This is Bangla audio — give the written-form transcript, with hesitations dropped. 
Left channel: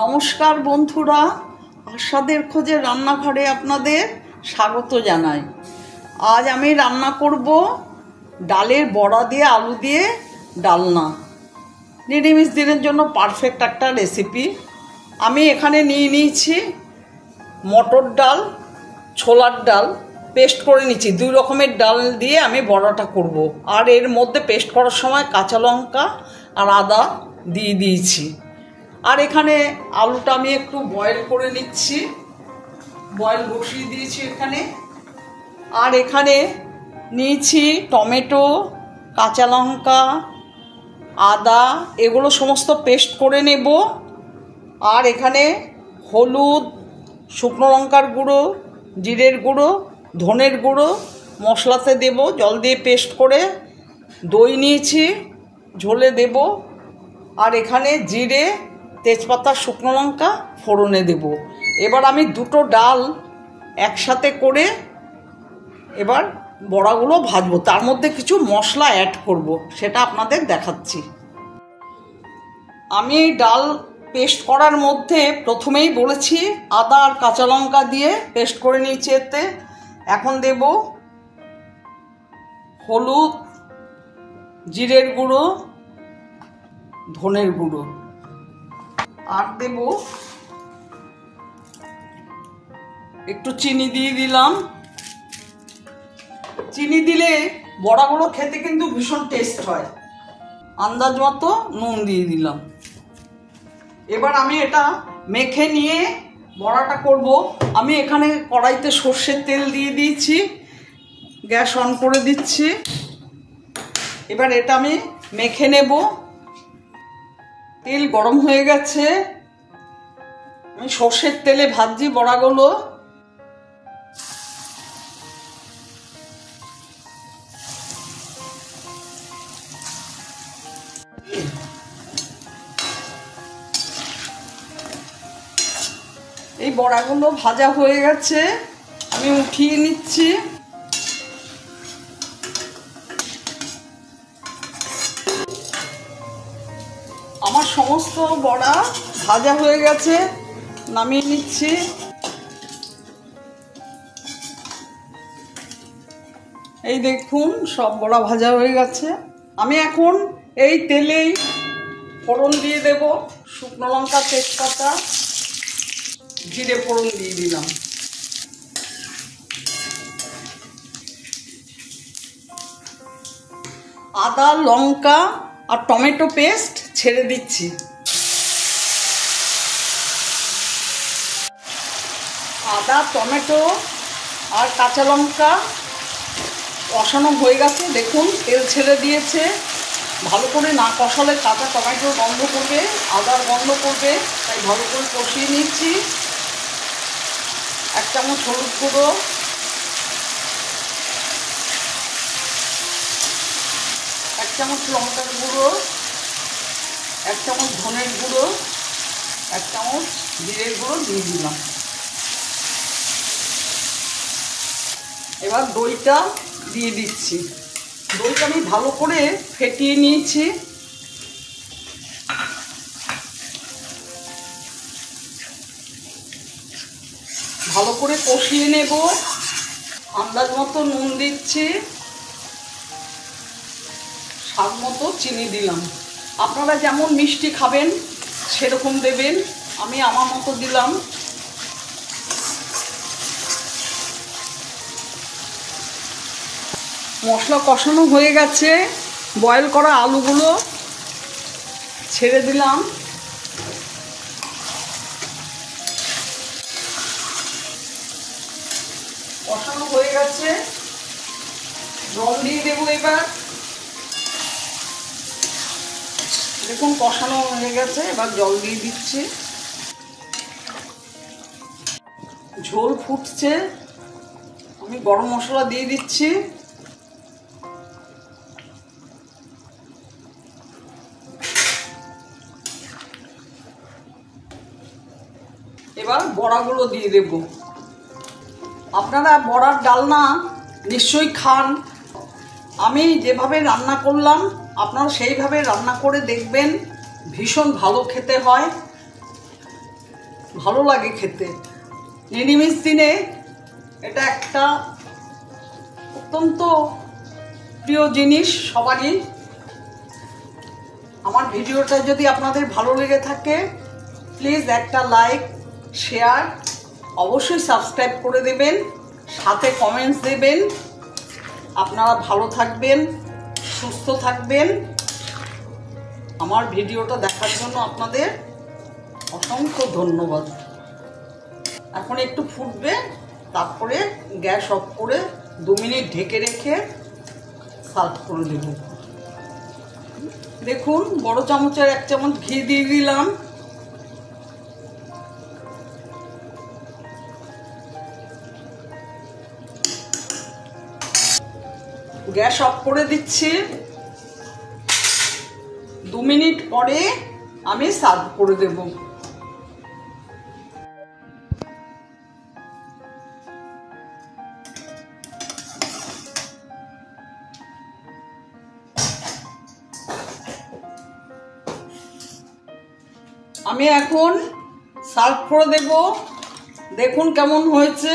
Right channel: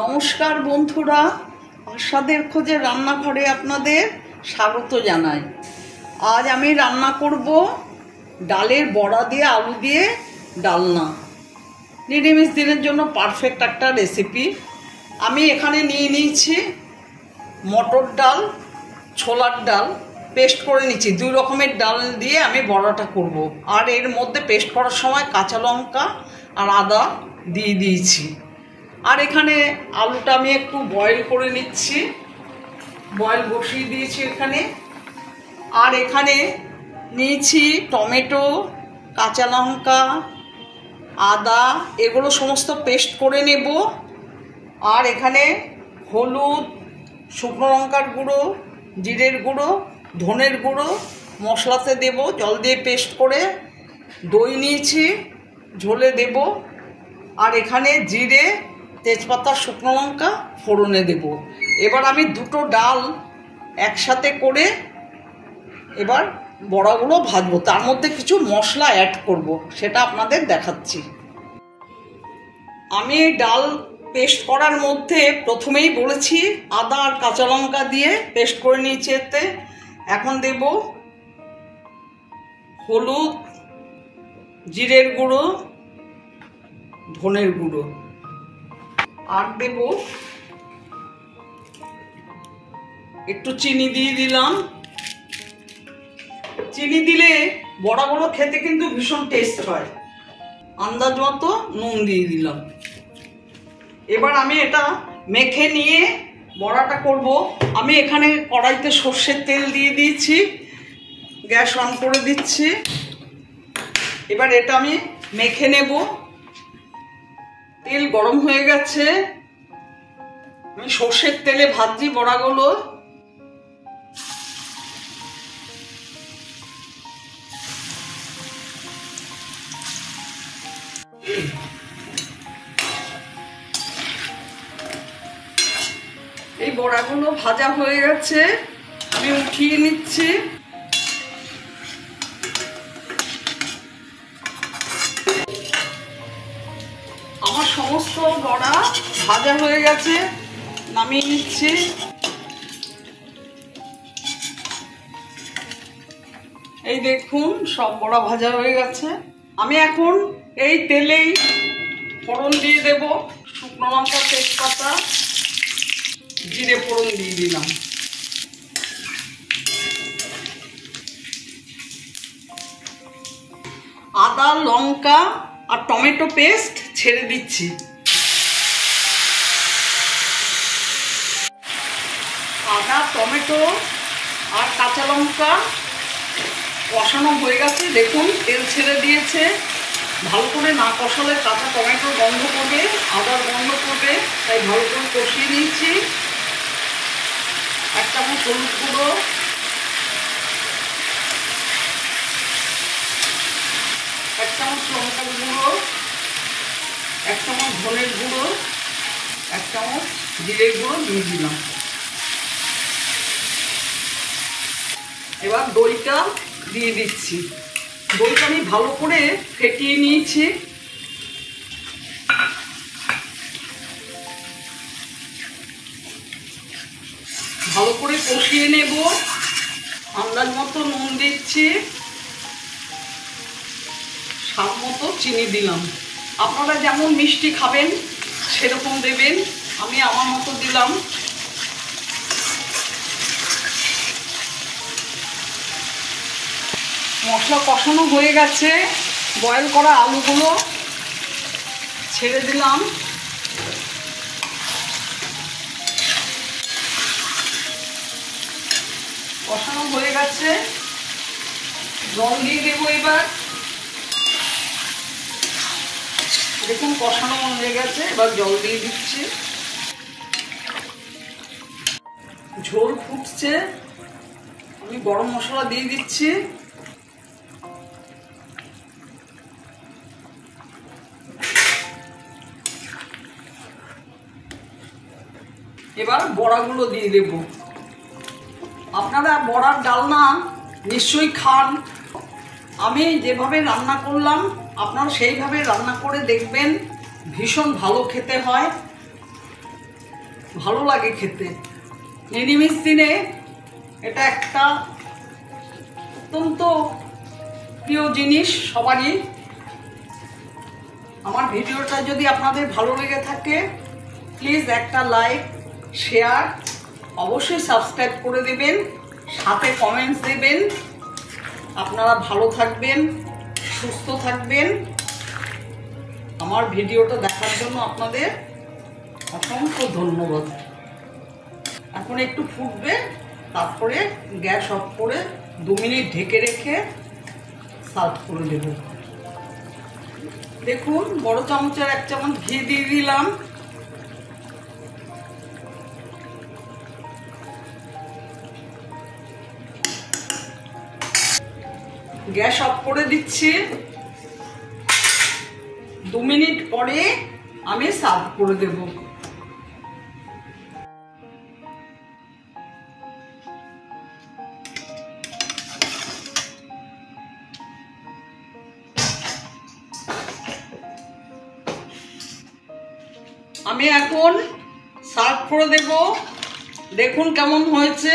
নমস্কার বন্ধুরা, আশাদের খোঁজে রান্নাঘরে আপনাদের স্বাগত জানাই। আজ আমি রান্না করব ডালের বড়া দিয়ে আলু দিয়ে ডালনা। নিরামিষ দিনের জন্য পারফেক্ট একটা রেসিপি। আমি এখানে নিয়ে নিয়েছি মটর ডাল, ছোলার ডাল পেস্ট করে নিচ্ছি। দুই রকমের ডাল দিয়ে আমি বড়াটা করব। আর এর মধ্যে পেস্ট করার সময় কাঁচা লঙ্কা আর আদা দিয়ে দিয়েছি। আর এখানে আলুটা আমি একটু বয়েল করে নিচ্ছি, বয়েল বসিয়ে দিয়েছি এখানে। আর এখানে নিয়েছি টমেটো, কাঁচা লঙ্কা, আদা, এগুলো সমস্ত পেস্ট করে নেব। আর এখানে হলুদ, শুকনো লঙ্কার গুঁড়ো, জিরের গুঁড়ো, ধনের গুঁড়ো মশলাতে দেব, জল দিয়ে পেস্ট করে। দই নিয়েছি, ঝোলে দেব। আর এখানে জিরে, তেজপাতা, শুকনো লঙ্কা ফোড়নে দেব। এবার আমি দুটো ডাল একসাথে করে এবার বড়াগুলো ভাজবো। তার মধ্যে কিছু মশলা অ্যাড করব, সেটা আপনাদের দেখাচ্ছি। আমি এই ডাল পেস্ট করার মধ্যে প্রথমেই বলেছি আদা আর কাঁচা লঙ্কা দিয়ে পেস্ট করে নিয়েছি। এতে এখন দেব হলুদ, জিরের গুঁড়ো, ধনের গুঁড়ো। আর দেব একটু চিনি দিয়ে দিলাম। চিনি দিলে বড়াগুলো খেতে কিন্তু ভীষণ টেস্ট হয়। আন্দাজ মতো নুন দিয়ে দিলাম। এবার আমি এটা মেখে নিয়ে বড়াটা করব। আমি এখানে কড়াইতে সর্ষের তেল দিয়ে দিয়েছি, গ্যাস অন করে দিচ্ছি। এবার এটা আমি মেখে নেব। তেল গরম হয়ে গেছে, আমি সর্ষের তেলে ভাজছি বড়াগুলো। এই বড়াগুলো ভাজা হয়ে গেছে, আমি উঠিয়ে নিচ্ছি। আমার সমস্ত বড়া ভাজা হয়ে গেছে, নামিয়ে নিচ্ছি। এই দেখুন সব বড়া ভাজা হয়ে গেছে। আমি এখন এই তেলেই ফোড়ন দিয়ে দেব। শুকনো লঙ্কা, তেজপাতা, জিরে ফোড়ন দিয়ে দিলাম। আদা, লঙ্কা আর টমেটো পেস্ট ছেড়ে দিচ্ছি। আদা, টমেটো আর কাঁচা লঙ্কা কষানো হয়ে গেছে। দেখুন তেল ছেড়ে দিয়েছে। ভালো করে না কষালে কাঁচা টমেটোর গন্ধ করবে, আদার গন্ধ করবে, তাই ভালো করে কষিয়ে নিচ্ছি। 1 চামচ হলুদ গুঁড়ো, 1 চামচ লঙ্কার গুঁড়ো, 1 চামচ ধনের গুঁড়ো, 1 চামচ জিরের গুঁড়ো দিয়ে দিলাম। এবার দইটা দিয়ে দিচ্ছি। দইটা আমি ভালো করে ফেটিয়ে নিয়েছি। ভালো করে কষিয়ে নেব। আন্দাজ মতো নুন দিচ্ছি, স্বাদ মতো চিনি দিলাম। আপনারা যেমন মিষ্টি খাবেন সেরকম দেবেন, আমি আমার মতো দিলাম। মশলা কষানো হয়ে গেছে, বয়েল করা আলুগুলো ছেড়ে দিলাম। কষানো হয়ে গেছে, জল দিয়ে দেবো এবার। দেখুন কষানো হয়ে গেছে, এবার জল দিয়ে দিচ্ছি। ঝোল ফুটছে, আমি গরম মশলা দিয়ে দিচ্ছি। এবার বড়াগুলো দিয়ে দেব। আপনারা বড়ার ডালনা নিশ্চয়ই খান। আমি যেভাবে রান্না করলাম আপনারা সেইভাবে রান্না করে দেখবেন, ভীষণ ভালো খেতে হয়। ভালো লাগে খেতে। নিরামিষ দিনে এটা একটা অত্যন্ত প্রিয় জিনিস সবারই। আমার ভিডিওটা যদি আপনাদের ভালো লেগে থাকে প্লিজ একটা লাইক, শেয়ার, অবশ্যই সাবস্ক্রাইব করে দেবেন, সাথে কমেন্টস দেবেন। আপনারা ভালো থাকবেন, সুস্থ থাকবেন। আমার ভিডিওটা দেখার জন্য আপনাদের অসংখ্য ধন্যবাদ। এখন একটু ফুটবে, তারপরে গ্যাস অফ করে 2 মিনিট ঢেকে রেখে সার্ভ করে দেব। দেখুন, বড় চামচের 1 চামচ ঘি দিয়ে দিলাম। গ্যাস অফ করে দিচ্ছি। 2 মিনিট পরে আমি সার্ভ করে দেব। আমি এখন সার্ভ করে দেব। দেখুন কেমন হয়েছে।